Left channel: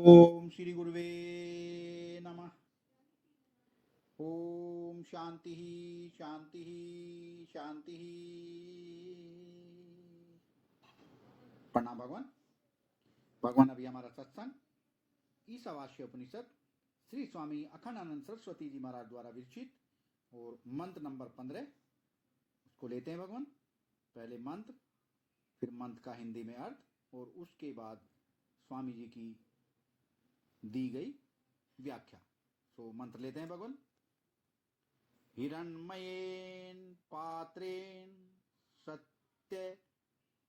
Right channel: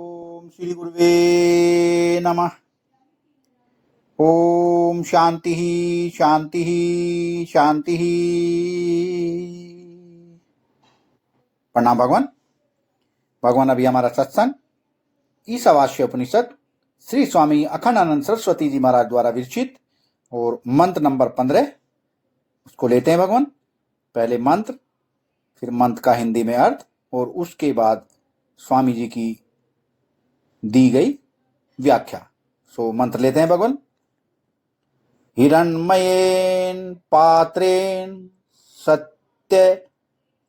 ओम श्री गुरुवे नमः। ओम शांति शांति शांति। प्रणाम भगवान। भगवान अभी हमारा सत्संग ईशावास्य उपनिषद श्री स्वामी अखंडानंद सरस्वती जी महाराज द्वारा विरचित और मंत्र नंबर 15 उसको लेते हैं भगवान। पहले मंत्र, फिर मंत्र का हिंदी में अर्थ और उसके बाद स्वामी जी की दी गई व्याख्या। सो मंत्र लेते हैं भगवान। हिरण्मयेन पात्रेण सत्य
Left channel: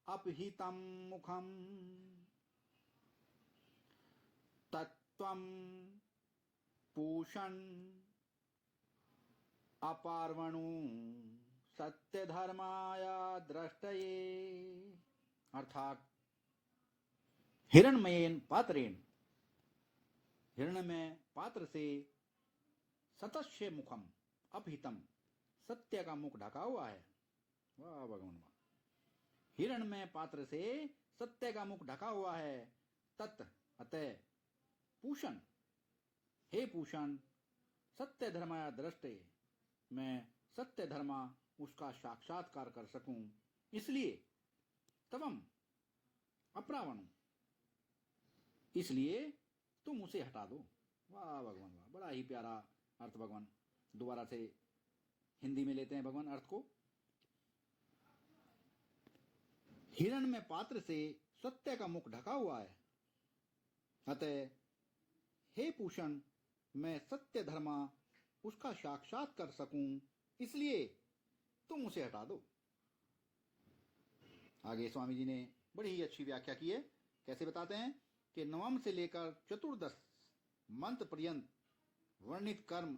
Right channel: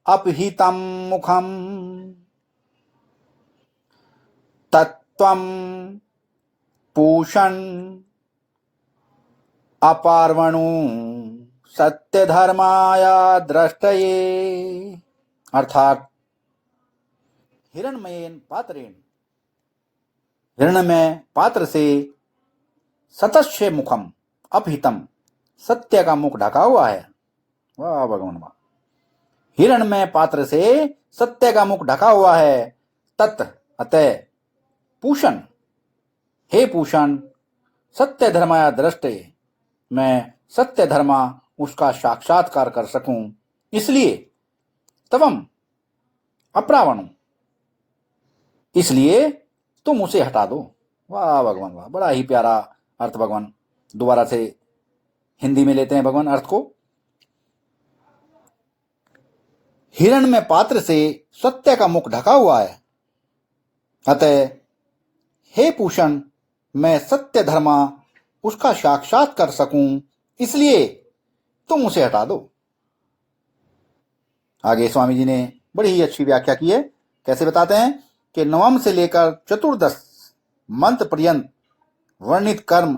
अपहितं मुखम तत्त्वं पूषन् अपार्वणु सत्य धर्माया द्रष्टये। अर्थात हिरण्मयेन पात्रेण, हिरण्मय पात्र से सतस्य मुखम अपहितम, सत्य का मुख ढका हुआ है। वाह भगवान वाह। हिरण्मय पात्र से सत्य का मुख ढका हुआ है। तत् अतः पूषण, हे पूषण, सत्य धर्माया दृष्टे, मैं सत्य धर्मा उसका साक्षात्कार कर सकूं, इसलिए तवम अप्रावणु, इसलिए तुम उसे हटा दो। वाह भगवान वाह, बड़ा ही प्यारा अर्थ भगवान। दोबारा से हिंदी में लेते हैं भगवान अर्थ को। हिरण्मय पात्र से सत्य का मुख ढका हुआ है, अतः हे पूषण, मैं सत्य धर्मा उसका साक्षात कर सकूं, इसलिए तुम उसे हटा दो। आगे स्वामी जी ने बड़ी ही अच्छी व्याख्या की है। कैसे बताते हैं कि नवम से लेकर चतुर्दश मंत्र पर्यंत वर्णित कर्म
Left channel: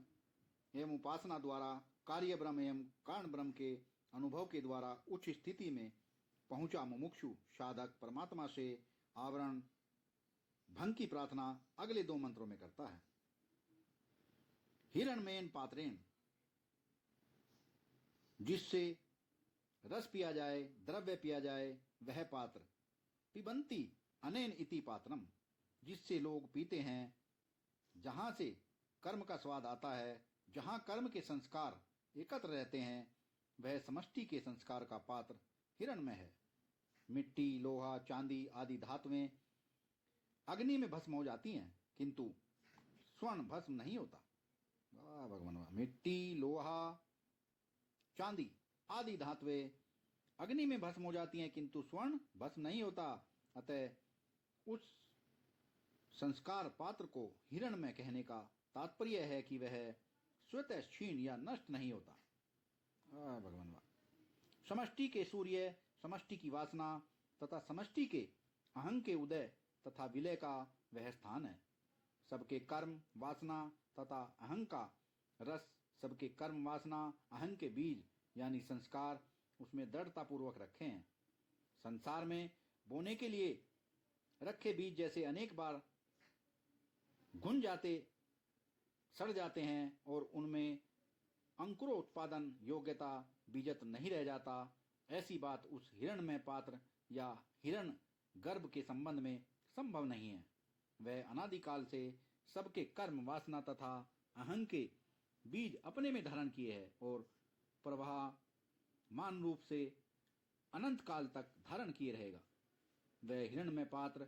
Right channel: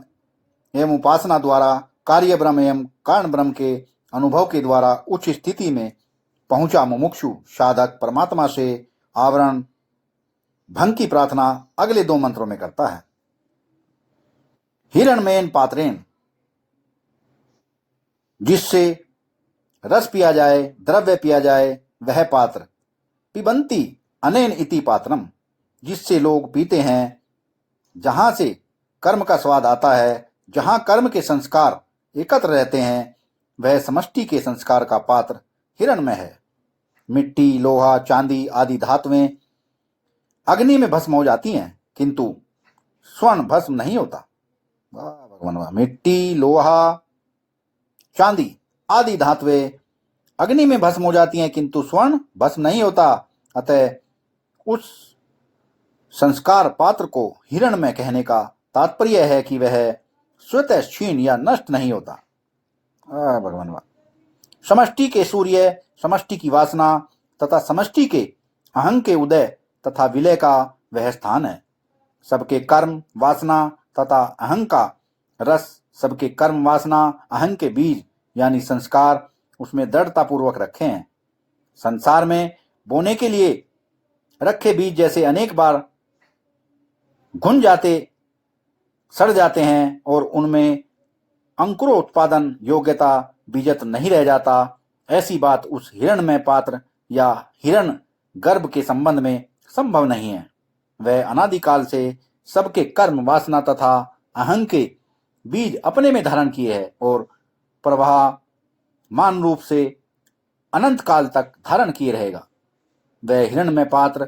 एवं उपासना द्वारा कार्य ब्रह्म एवं कारण ब्रह्म के अनुभव के द्वारा उच्च स्थिति में पहुंचा मुमुक्षु साधक परमात्मा से आवरण भंग की प्रार्थना अगले 2 मंत्रों में करता है। हिरण्मयेन पात्रेण, जिससे रस पिया जाए, द्रव्य पिया जाए, वह पात्र। पिबंती अनेन इति पात्रम, जिससे लोग पीते हैं, जहां से कर्म का स्वाद आता है, जहां कर्म के संस्कार एकत्र रहते हैं, वह समष्टि के संस्कार का पात्र हिरण्मय है। मिट्टी, लोहा, चांदी आदि धातुएं अग्नि में भस्म हो जाती हैं, किंतु स्वर्ण भस्म नहीं होता। वाह भगवान वाह। मिट्टी, लोहा, चांदी आदि धातुएं अग्नि में भस्म हो जाती हैं, किंतु स्वर्ण भस्म नहीं होता। अतः उस संस्कार पात्र को हिरण्मय कहने का तात्पर्य है कि वह स्वतः क्षीण या नष्ट नहीं होता। भगवान वाह। समष्टि के सूर्य, समष्टि की वासना तथा समष्टि के अहंग के उदय तथा विलय का वह स्थान है। सबके कर्म, वासना तथा अहंग का रस, सबके कर्म, वासना, अहंग के बीज यानी संस्कार उसमें दृढ़ता पूर्वक रखे हैं। संसार में बोने के लिए रखे बीज जैसे अनेक बार घुन जाते, सड़ जाते हैं और उनमें अंकुरोत्पादन योग्यता बीजत नहीं रह जाता, ऐसी बात उस हिरण्मय पात्र या हिरण गर्भ के संबंध में संभव नहीं है। वह अनादिकाल से सबके कर्म, वासना तथा अहंग के बीज अपने में धारण किए है और प्रवाह मान रूप से अनंत काल तक धारण किए रहेगा। वह हिरण्मय पात्र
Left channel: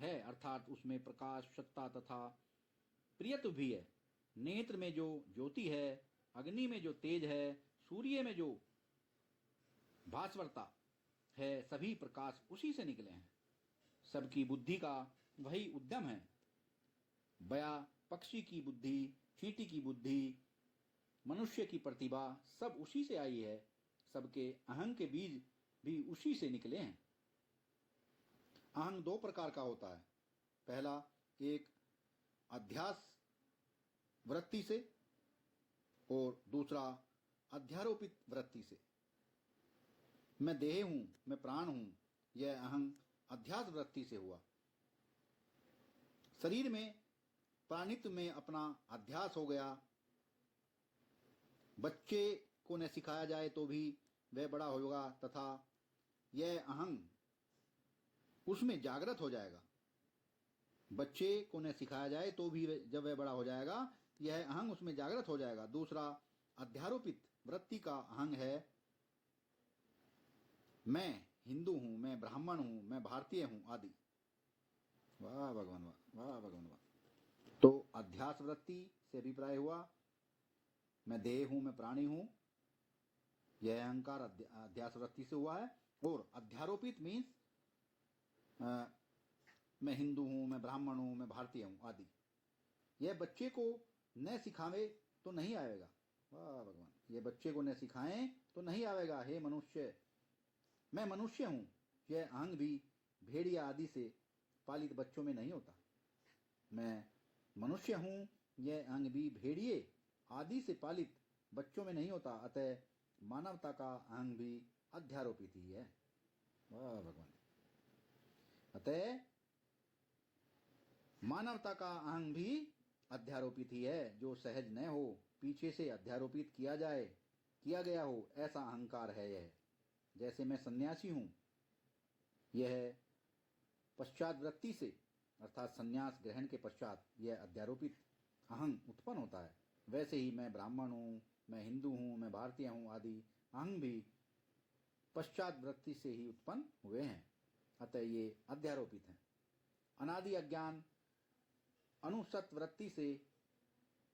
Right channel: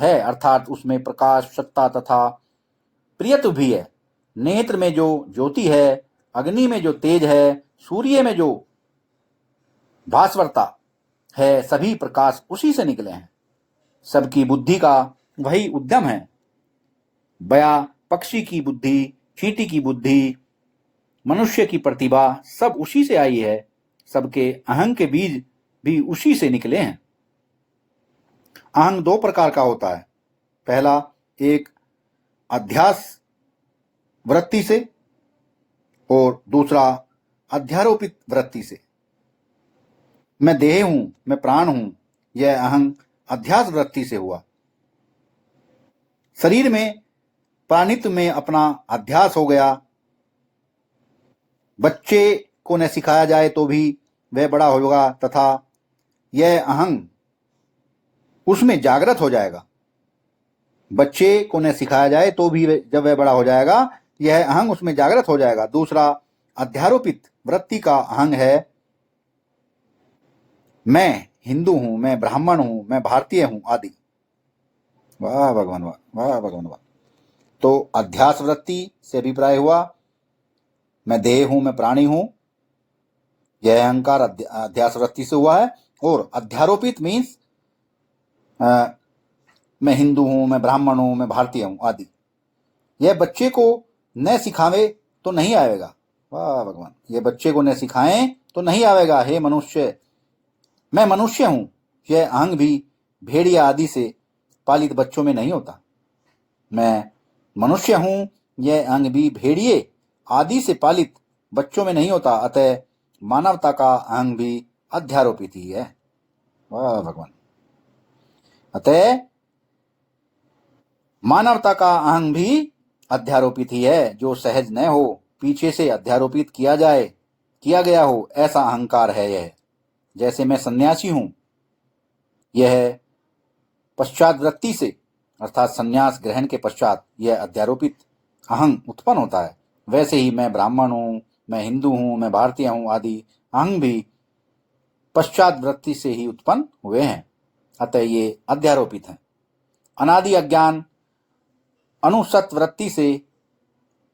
है, अर्थात उसमें प्रकाश, सत्ता तथा प्रियत्व भी है। नेत्र में जो ज्योति है, अग्नि में जो तेज है, सूर्य में जो भास्वरता है, सभी प्रकाश उसी से निकले हैं। सबकी बुद्धि का वही उद्यम है। बया पक्षी की बुद्धि, चींटी की बुद्धि, मनुष्य की प्रतिभा सब उसी से आई है। सबके अहंग के बीज भी उसी से निकले हैं। अहंग 2 प्रकार का होता है। पहला, एक अध्यास वृत्ति से और दूसरा अध्यारोपित वृत्ति से। मैं देह हूं, मैं प्राण हूं, यह अहंग अध्यास वृत्ति से हुआ। शरीर में प्राणित्व में अपना अध्यास हो गया। बच्चे को न सिखाया जाए तो भी वह बड़ा होगा तथा यह अहंग उसमें जागृत हो जाएगा। बच्चे को न सिखाया जाए तो भी जब वह बड़ा हो जाएगा यह अहंग उसमें जागृत हो जाएगा। दूसरा, अध्यारोपित वृत्ति का अहंग है मैं हिंदू हूं, मैं ब्राह्मण हूं, मैं भारतीय हूं आदि। वाह भगवान वाह, वाह भगवान वाह। तो अध्यास वृत्ति से अभिप्राय हुआ मैं देह हूं, मैं प्राणी हूं, यह अहंकार अध्यास वृत्ति से हुआ है। और अध्यारोपित मीन्स मैं हिंदू हूं, मैं ब्राह्मण हूं, मैं भारतीय हूं आदि। यह बच्चे को न सिखावे तो नहीं आएगा। वाह भगवान, ये बच्चे को न सिखाएं तो नहीं आवेगा। हे मनुष्य, मैं मनुष्य हूं, यह अहंग भी भेड़िया आदि से पालित बच्चों में नहीं होता। मैं मनुष्य हूं, यह अहंग भी भेड़िए आदि से पालित बच्चों में नहीं होता। अतः मानवता का अहंग भी अध्यारोपित ही है। वाह भगवान, अतः मानवता का अहंग भी अध्यारोपित ही है। जो सहज न हो, पीछे से अध्यारोपित किया गया हो, ऐसा अहंकार है यह। जैसे मैं सन्यासी हूं, यह पश्चात वृत्ति से अर्थात संन्यास ग्रहण के पश्चात यह अध्यारोपित अहंग उत्पन्न होता है। वैसे ही मैं ब्राह्मण हूं, मैं हिंदू हूं, मैं भारतीय हूं आदि अहंग भी पश्चात वृत्ति से ही उत्पन्न हुए हैं। अतः ये अध्यारोपित हैं। अनादि अज्ञान अनुसत वृत्ति से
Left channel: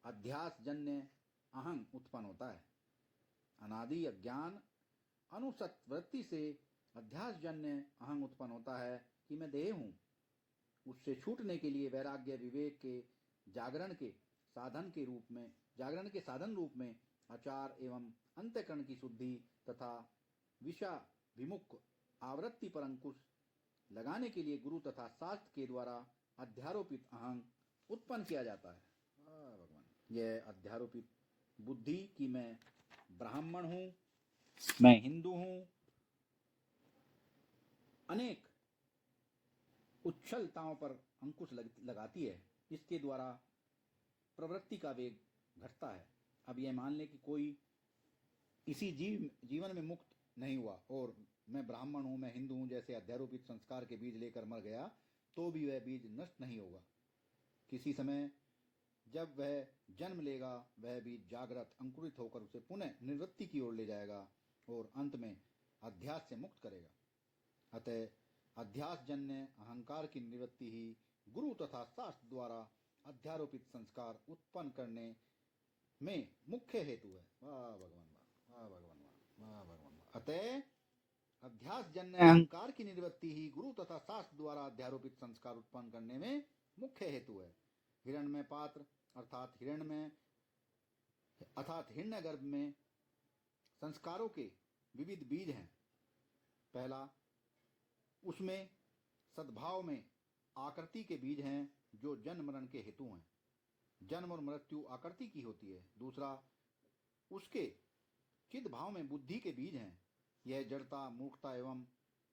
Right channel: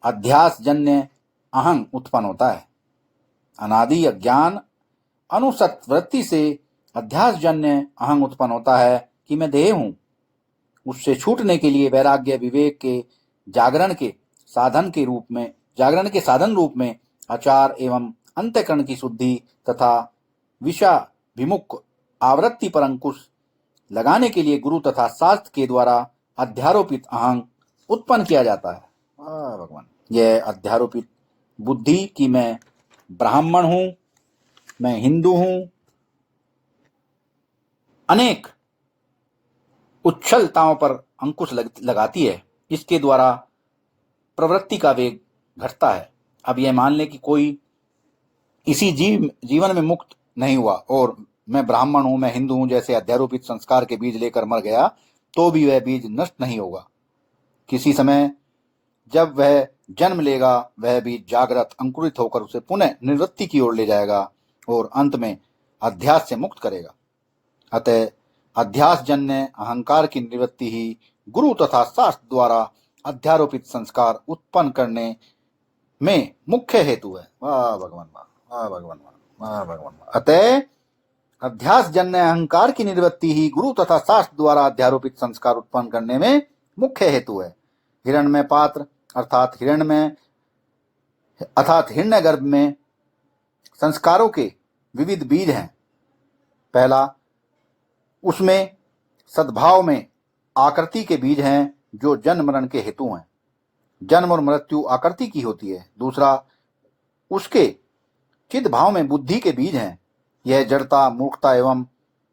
अध्यास जन्य अहंग उत्पन्न होता है। अनादि अज्ञान अनुसत वृत्ति से अध्यास जन्य अहंग उत्पन्न होता है कि मैं देह हूं। उससे छूटने के लिए वैराग्य विवेक के जागरण के साधन रूप में आचार एवं अंतःकरण की शुद्धि तथा विषाभिमुख आवृत्ति पर अंकुश लगाने के लिए गुरु तथा शास्त्र के द्वारा अध्यारोपित अहंग उत्पन्न किया जाता है। भगवान, यह अध्यारोपित बुद्धि कि मैं ब्राह्मण हूं, मैं हिंदू हूं, अनेक उच्छलताओं पर अंकुश लगाती है। इसके द्वारा प्रवृत्ति का वेग घटता है। अब यह मान ले कि कोई इसी जीवन में मुक्त नहीं हुआ और मैं ब्राह्मण हूं, मैं हिंदू हूं जैसे अध्यारोपित संस्कार के बीज लेकर मर गया, तो भी वह बीज नष्ट नहीं होगा। किसी समय जब वह जन्म लेगा, वह बीज जागृत अंकुरित होकर उसे पुनः निवृत्ति की ओर ले जाएगा और अंत में अध्यास से मुक्त करेगा। अतः अध्यास जन्य अहंकार की निवृत्ति ही गुरु तथा शास्त्र द्वारा अध्यारोपित संस्कार उत्पन्न करने में मुख्य हेतु है। वाह भगवान वाह, वाह भगवान वाह, वाह भगवान वाह। अतः अध्यास जन्य अहंकार की निवृत्ति ही गुरु तथा शास्त्र द्वारा अध्यारोपित संस्कार उत्पन्न करने में मुख्य हेतु है। हिरण्मय पात्र अर्थात हिरण्यगर्भ में संस्कारों के विविध बीज हैं। पहला, उसमें सद्भाव में आकृति के बीज हैं जो जन्म मरण के हेतु हैं। जन्म और मृत्यु आकृति की होती है। दूसरा, उसके चिद भाव में बुद्धि के बीज हैं। यह जड़ता, मूर्खता एवं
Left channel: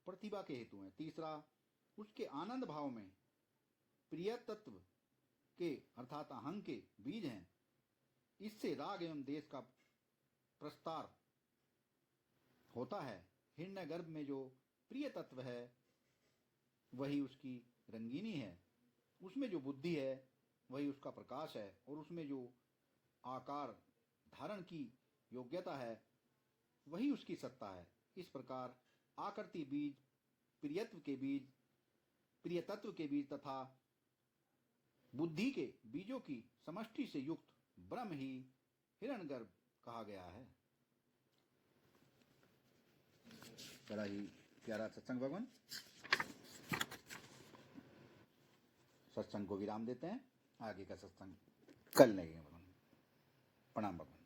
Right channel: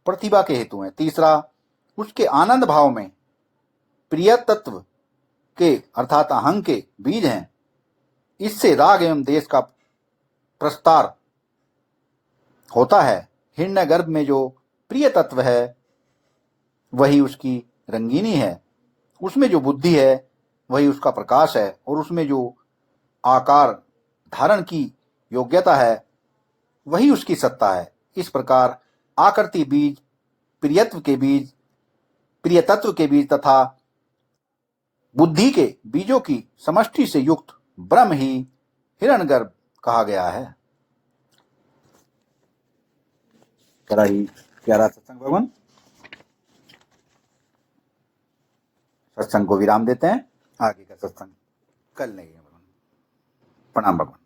प्रतिभा के हेतु हैं। तीसरा, उसके आनंद भाव में प्रिय तत्व के अर्थात अहंग के बीज हैं। इससे राग एवं देश का प्रस्तार होता है। हिरण्यगर्भ में जो प्रिय तत्व है वही उसकी रंगीनी है, उसमें जो बुद्धि है वही उसका प्रकाश है, और उसमें जो आकार धारण की योग्यता है वही उसकी सत्ता है। इस प्रकार आकृति बीज, प्रिय तत्व के बीज तथा बुद्धि के बीजों की समष्टि से युक्त ब्रह्म ही हिरण्यगर्भ कहा गया है। प्यारा सत्संग भगवान, सत्संग को विराम देते हैं। आगे का सत्संग कल नहीं है। प्रणाम भगवान।